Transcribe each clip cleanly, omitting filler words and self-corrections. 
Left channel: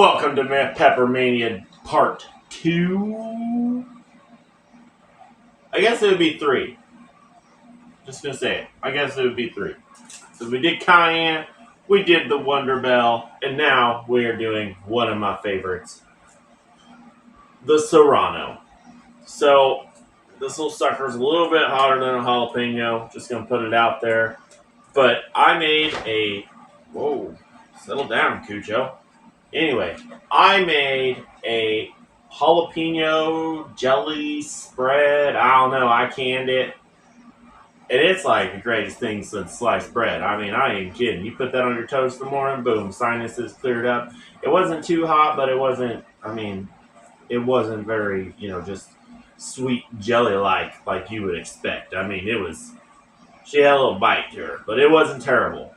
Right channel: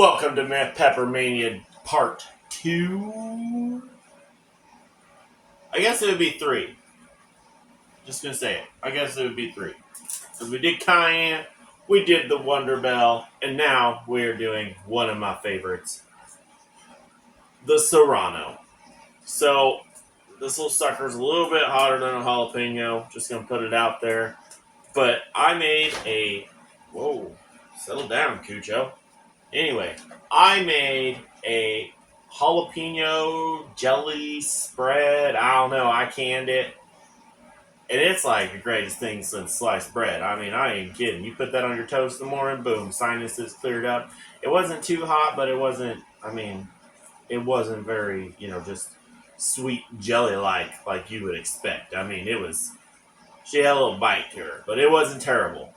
Welcome to Pepper Mania Part 2. I guess it would be 3. Just gonna say it. I guess it would be 3. So we did Cayenne, we did the Wonder Bell, and now we're doing one of my favorites, the Serrano. So this little sucker's a little bit hotter than a jalapeno. Just gonna put it out there. But I made a... Whoa. Settle down, Cucho. Anyway, I made a jalapeno jelly spread. I don't know. I canned it. And it's like the greatest thing since sliced bread. I mean, I ain't kidding. You put that on your toast in the morning, boom, sinuses cleared up. It wasn't too hot, but it wasn't, it wasn't very, just sweet jelly-like you would expect. I mean, she had a little bite to her, but it wasn't terrible.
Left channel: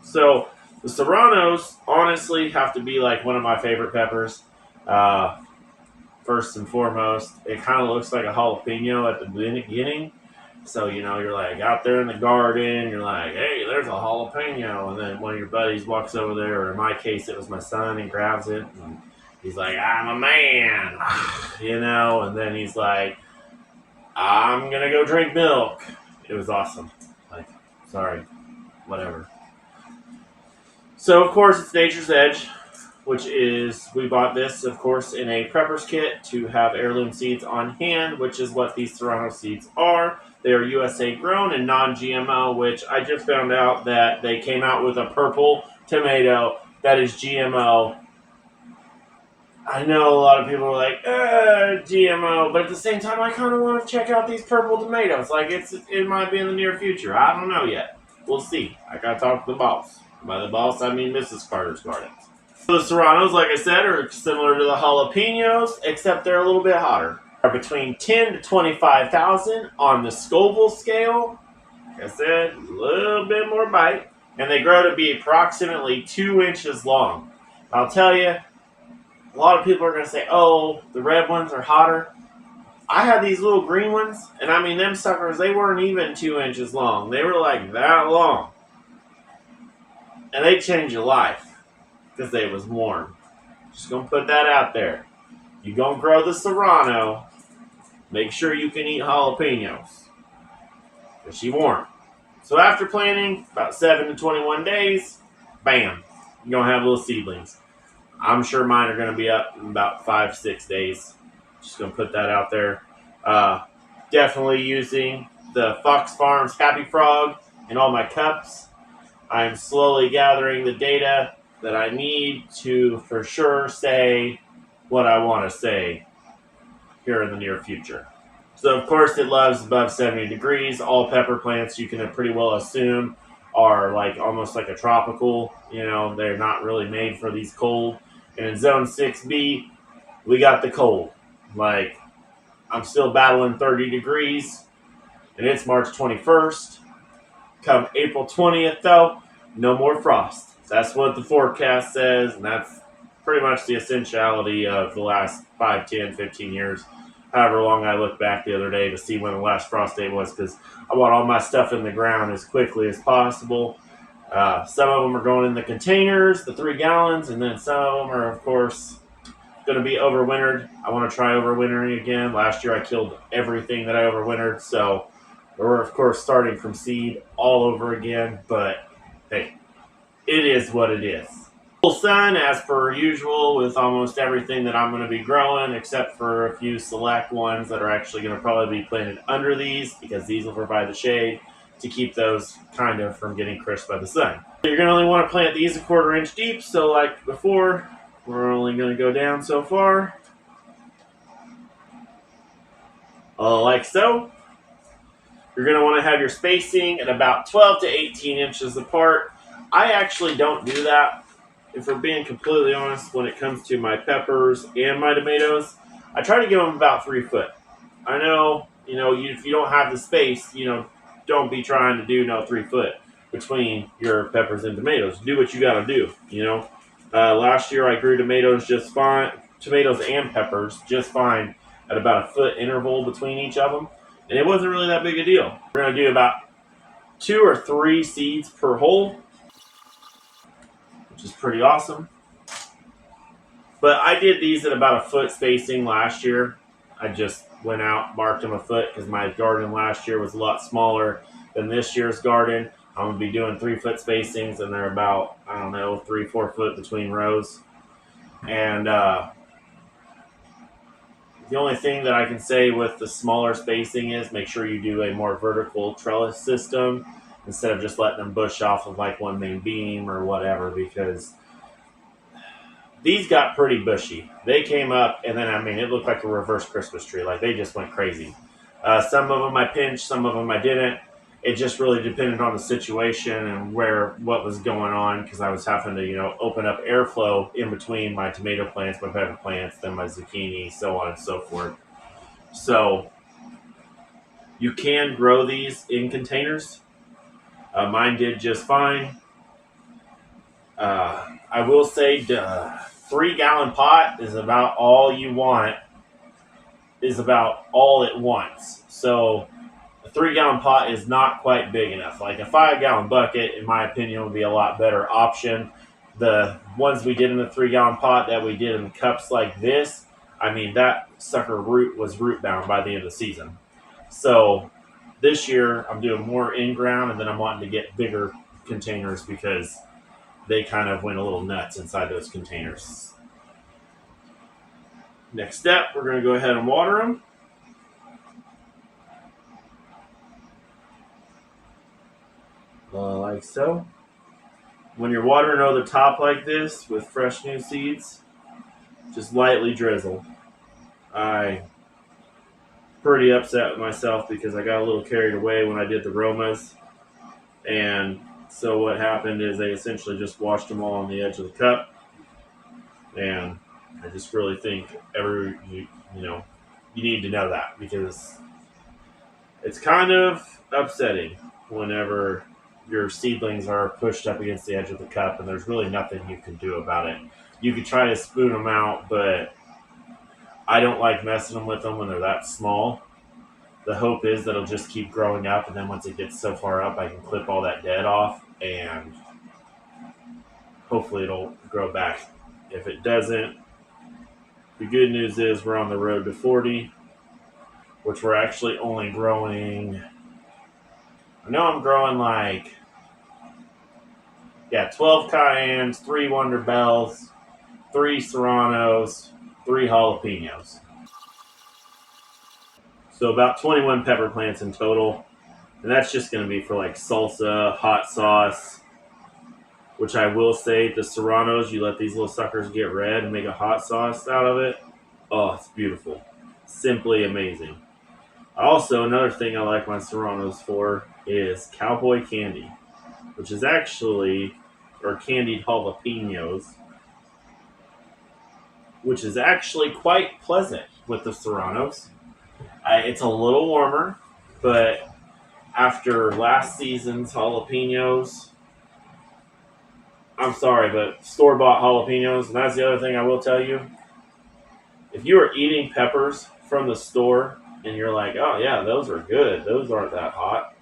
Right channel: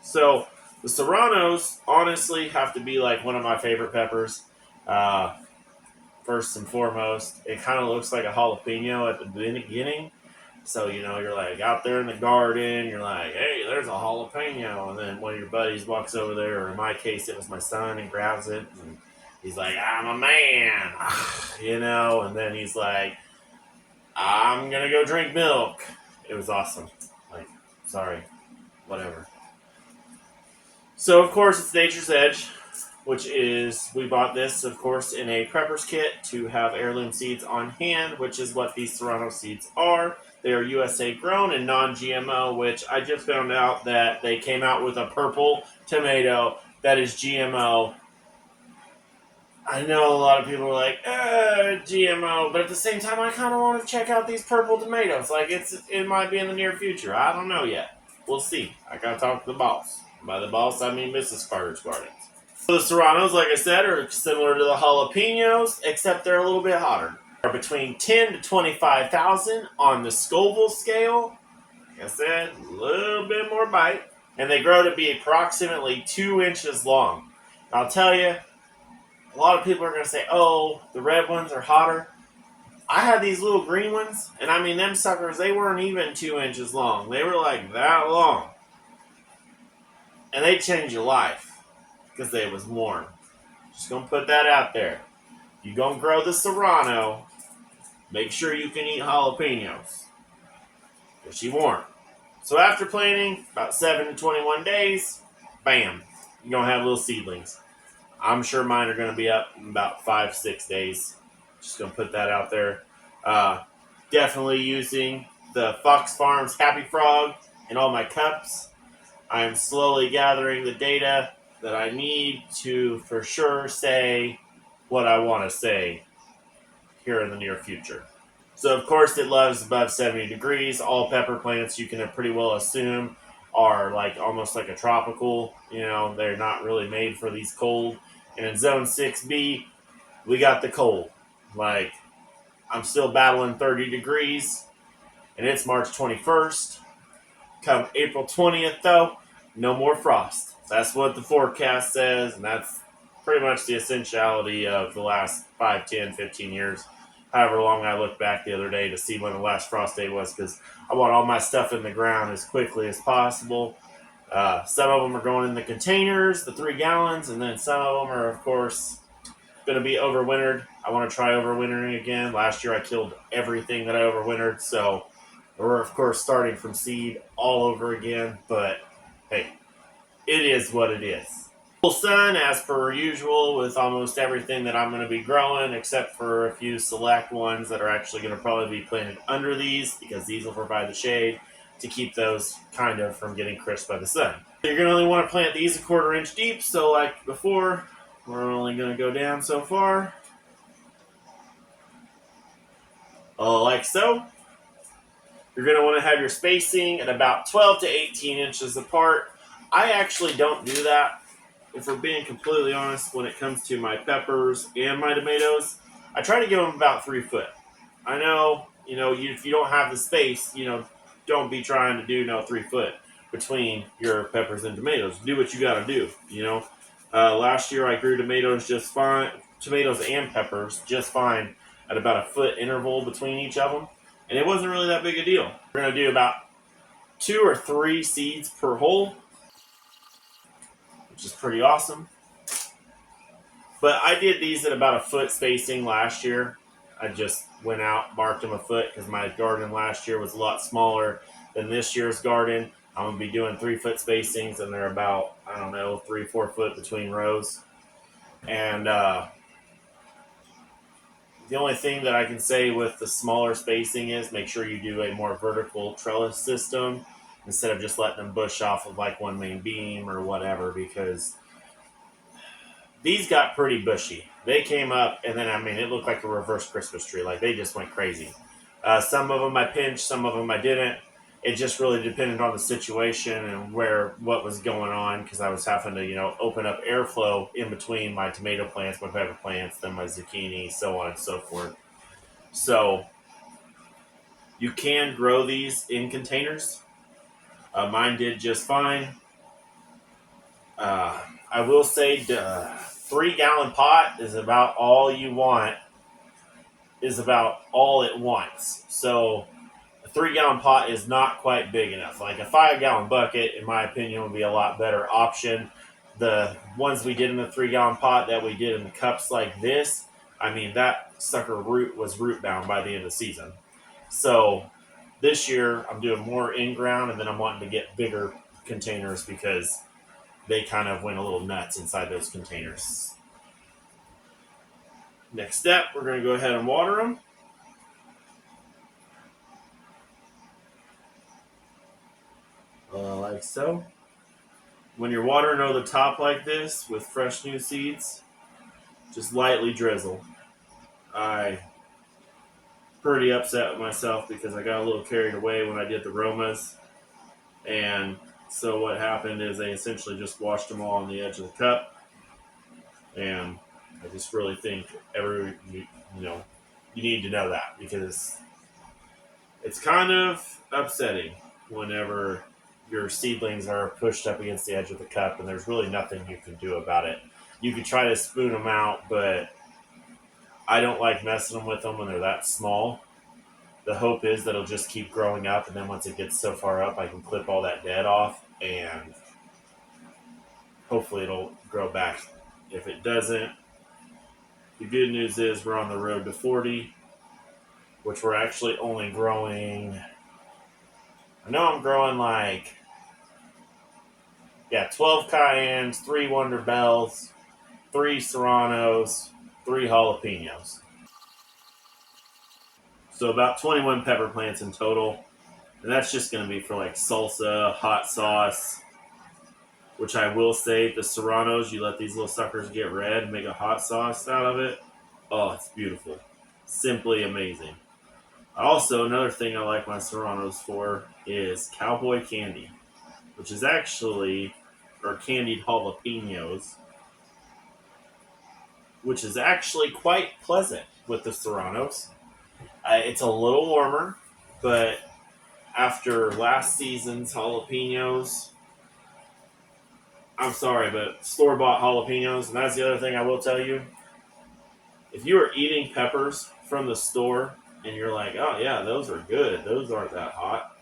So... the Serranos, honestly, have to be like one of my favorite peppers. First and foremost, it kind of looks like a jalapeno at the beginning. So, you're like out there in the garden, you're like, hey, there's a jalapeno. And then one of your buddies walks over there, or in my case, it was my son, and grabs it. And he's like, I'm a man, and then he's like, I'm going to go drink milk. It was awesome. Like, sorry, whatever. So, of course, it's Nature's Edge, which is, we bought this, of course, in a prepper's kit to have heirloom seeds on hand, which is what these Serrano seeds are. They are USA grown and non-GMO, which I just found out that they came out with a purple tomato that is GMO. I know a lot of people are like, GMO, but at the same time, I kind of want to check out these purple tomatoes. Like, it might be in the near future. I don't know yet. We'll see. I got to talk to the boss. By the boss, I mean Mrs. Carter's Gardens. So the Serranos, like I said, are similar to the jalapenos, except they're a little bit hotter. They're between 10 to 25,000 on the Scoville scale. Like I said, a little bit more bite. And they grow to be approximately 2 inches long. I'll tell you, a lot of people are going to say, oh, the red ones are hotter. I had these little green ones, and I mean, them suckers, they weren't even 2 inches long. They were like that long. And they changed your life because they was warm. Just gonna put that out there. You gonna grow the Serrano, make sure you can eat jalapenos because she warm. So after planting, about 7 to 21 days, bam, you're gonna have little seedlings. I'm sure mine are gonna be up in about 5-6 days. Just gonna put that out there. Definitely using the Fox Farms Happy Frog in all my cups. I'm slowly gathering the data that I need to for sure say what I want to say here in the near future. So, of course, it loves above 70 degrees. All pepper plants, you can pretty well assume, are like almost like a tropical. They're not really made for these cold. And in Zone 6B, we got the cold. Like, I'm still battling 30 degrees, and it's March 21st. Come April 20th, though, no more frost. That's what the forecast says, and that's pretty much the essentiality of the last 5, 10, 15 years. However long I looked back the other day to see when the last frost day was, because I want all my stuff in the ground as quickly as possible. Some of them are going in the containers, the 3 gallons, and then some of them are, of course, going to be overwintered. I want to try overwintering again. Last year I killed everything that I overwintered, so... we're, of course, starting from seed all over again, but hey, it is what it is. Full sun, as per usual, with almost everything that I'm going to be growing, except for a few select ones that are actually going to probably be planted under these, because these will provide the shade to keep those kind of from getting crisped by the sun. So you're going to only want to plant these 1/4 inch deep, so like before, we're only going to go down so far. Like so. You're going to want to have your spacing at about 12 to 18 inches apart. I actually don't do that. If we're being completely honest, when it comes to my peppers and my tomatoes, I try to give them about 3 foot. I know, if you don't have the space, don't be trying to do 3 foot between your peppers and tomatoes. Do what you got to do, Last year I grew tomatoes just fine, tomatoes and peppers just fine at about 1 foot interval between each of them. And it wasn't really that big a deal. We're going to do about 2 or 3 seeds per hole, which is pretty awesome. But I did these at about a foot spacing last year. I just went out, marked them a foot because my garden last year was a lot smaller than this year's garden. I'm gonna be doing 3 foot spacings, and they're about, I don't know, 3-4 foot between rows. And the only thing that I can say with the smaller spacing is make sure you do a more vertical trellis system instead of just letting them bush off of like one main beam or whatever, because these got pretty bushy. They came up, and then I mean, it looked like a reverse Christmas tree. Like they just went crazy. Some of them I pinched, some of them I didn't. It just really depended on the situation and what was going on, because I was having to open up airflow in between my tomato plants, my pepper plants, then my zucchini, so on and so forth. So you can grow these in containers. Mine did just fine. I will say, 3 gallon pot is about all you want. Is about all it wants. So a 3 gallon pot is not quite big enough. Like a 5 gallon bucket, in my opinion, would be a lot better option. The ones we did in the 3 gallon pot that we did in cups like this, I mean, that sucker root was root bound by the end of the season. So this year I'm doing more in ground, and then I'm wanting to get bigger containers because they kind of went a little nuts inside those containers. Next step, we're going to go ahead and water them. Like so. When you're watering over the top like this with fresh new seeds, just lightly drizzle. I pretty upset with myself because I got a little carried away when I did the Romas, and so what happened is I essentially just washed them all on the edge of the cup, and I just really think you need to know that, because it's kind of upsetting whenever your seedlings are pushed up against the edge of the cup and there's really nothing you can do about it. You could try to spoon them out, but I don't like messing with them when they're that small. The hope is that it'll just keep growing up, and then once it gets so far up, I can clip all that dead off, and hopefully it'll grow back. If it doesn't, the good news is we're on the road to 40, which we're actually only growing. I know I'm growing 12 cayennes, 3 Wonder Bells, 3 Serranos, 3 jalapenos. So about 21 pepper plants in total. And that's just going to be for like salsa, hot sauce, which I will say, the Serranos, you let these little suckers get red and make a hot sauce out of it. Oh, it's beautiful. Simply amazing. Also, another thing I like my Serranos for is cowboy candy, which is actually, or candied jalapenos, which is actually quite pleasant with the Serranos. It's a little warmer, but after last season's jalapenos, I'm sorry, but store-bought jalapenos, and that's the other thing I will tell you. If you are eating peppers from the store and you're like, oh yeah, those are good, those aren't that hot,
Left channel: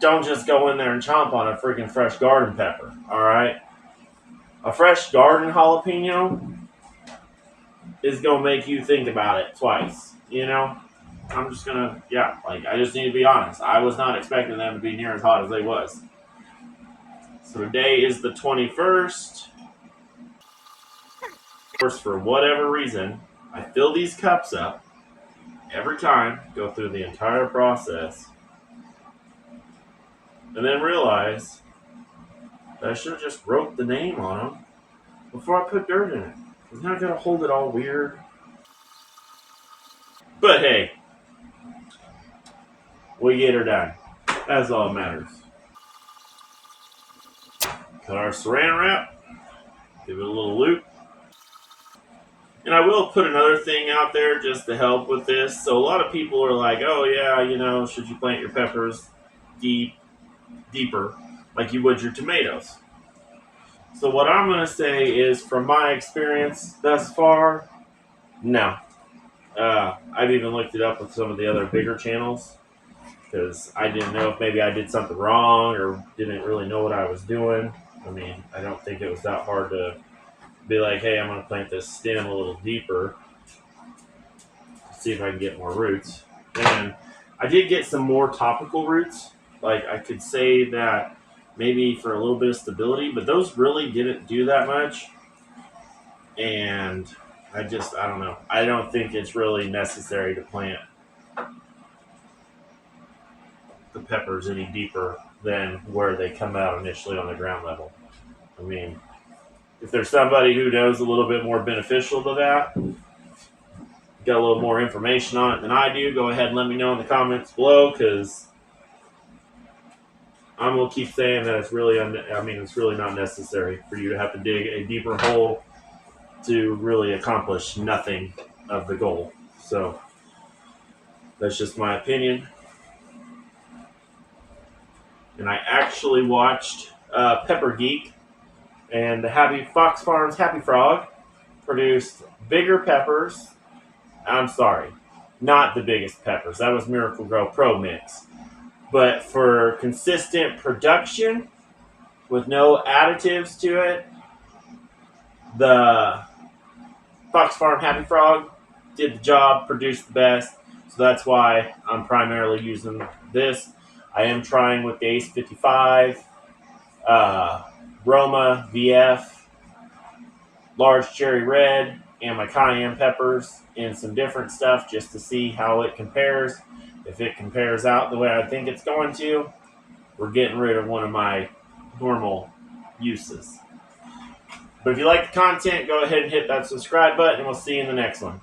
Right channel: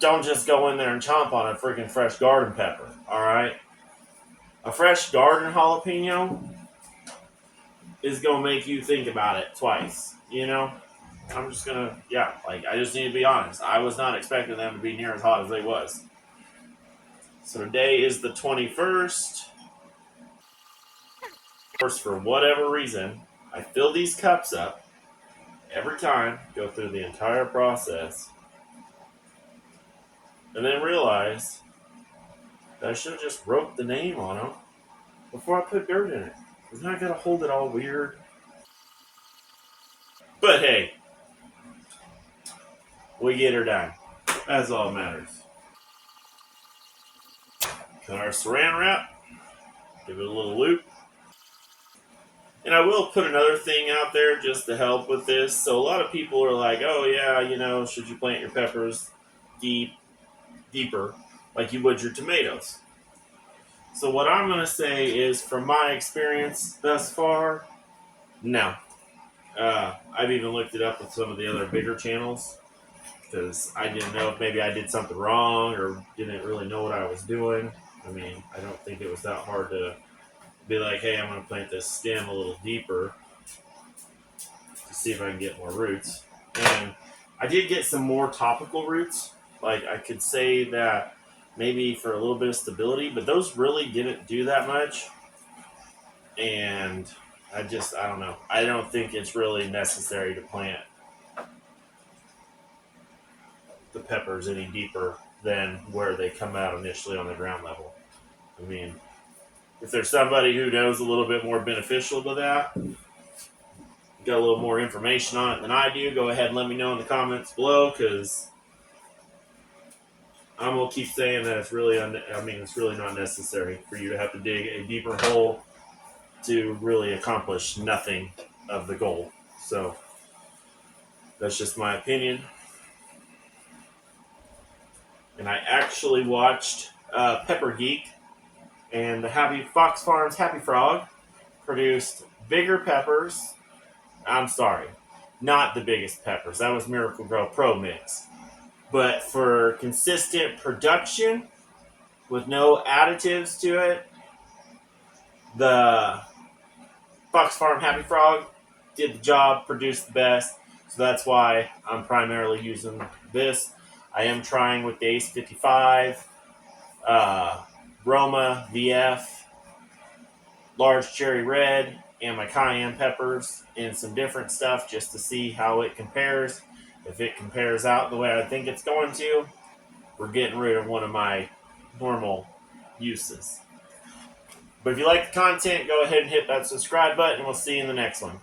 don't just go in there and chomp on a freaking fresh garden pepper, alright? A fresh garden jalapeno is going to make you think about it twice, I'm just going to, I just need to be honest. I was not expecting them to be near as hot as they was. So today is the 21st. For whatever reason, I fill these cups up every time, go through the entire process, and then realize that I should have just wrote the name on them before I put dirt in it. Because now I gotta hold it all weird. But hey, we get her done. That's all that matters. Cut our saran wrap, give it a little loop. And I will put another thing out there just to help with this. So a lot of people are like, oh yeah, should you plant your peppers deeper like you would your tomatoes? So what I'm going to say is, from my experience thus far, no. I've even looked it up with some of the other bigger channels, because I didn't know if maybe I did something wrong or didn't really know what I was doing. I mean, I don't think it was that hard to be like, hey, I'm going to plant this stem a little deeper to see if I can get more roots. And I did get some more topical roots. Like I could say that maybe for a little bit of stability, but those really didn't do that much. And I don't know. I don't think it's really necessary to plant the peppers any deeper than where they come out initially on the ground level. I mean, if there's somebody who knows a little bit more beneficial to that, got a little more information on it than I do, go ahead and let me know in the comments below, because I'm gonna keep saying that it's really, it's really not necessary for you to have to dig a deeper hole to really accomplish nothing of the goal. So that's just my opinion. And I actually watched Pepper Geek and the Happy Fox Farms Happy Frog produced bigger peppers. I'm sorry, not the biggest peppers. That was Miracle Grow Pro Mix. But for consistent production with no additives to it, the Fox Farm Happy Frog did the job, produced the best. So that's why I'm primarily using this. I am trying with the Ace 55, Roma VF, large cherry red, and my cayenne peppers and some different stuff just to see how it compares. If it compares out the way I think it's going to, we're getting rid of one of my normal uses. But if you like the content, go ahead and hit that subscribe button, and we'll see you in the next one.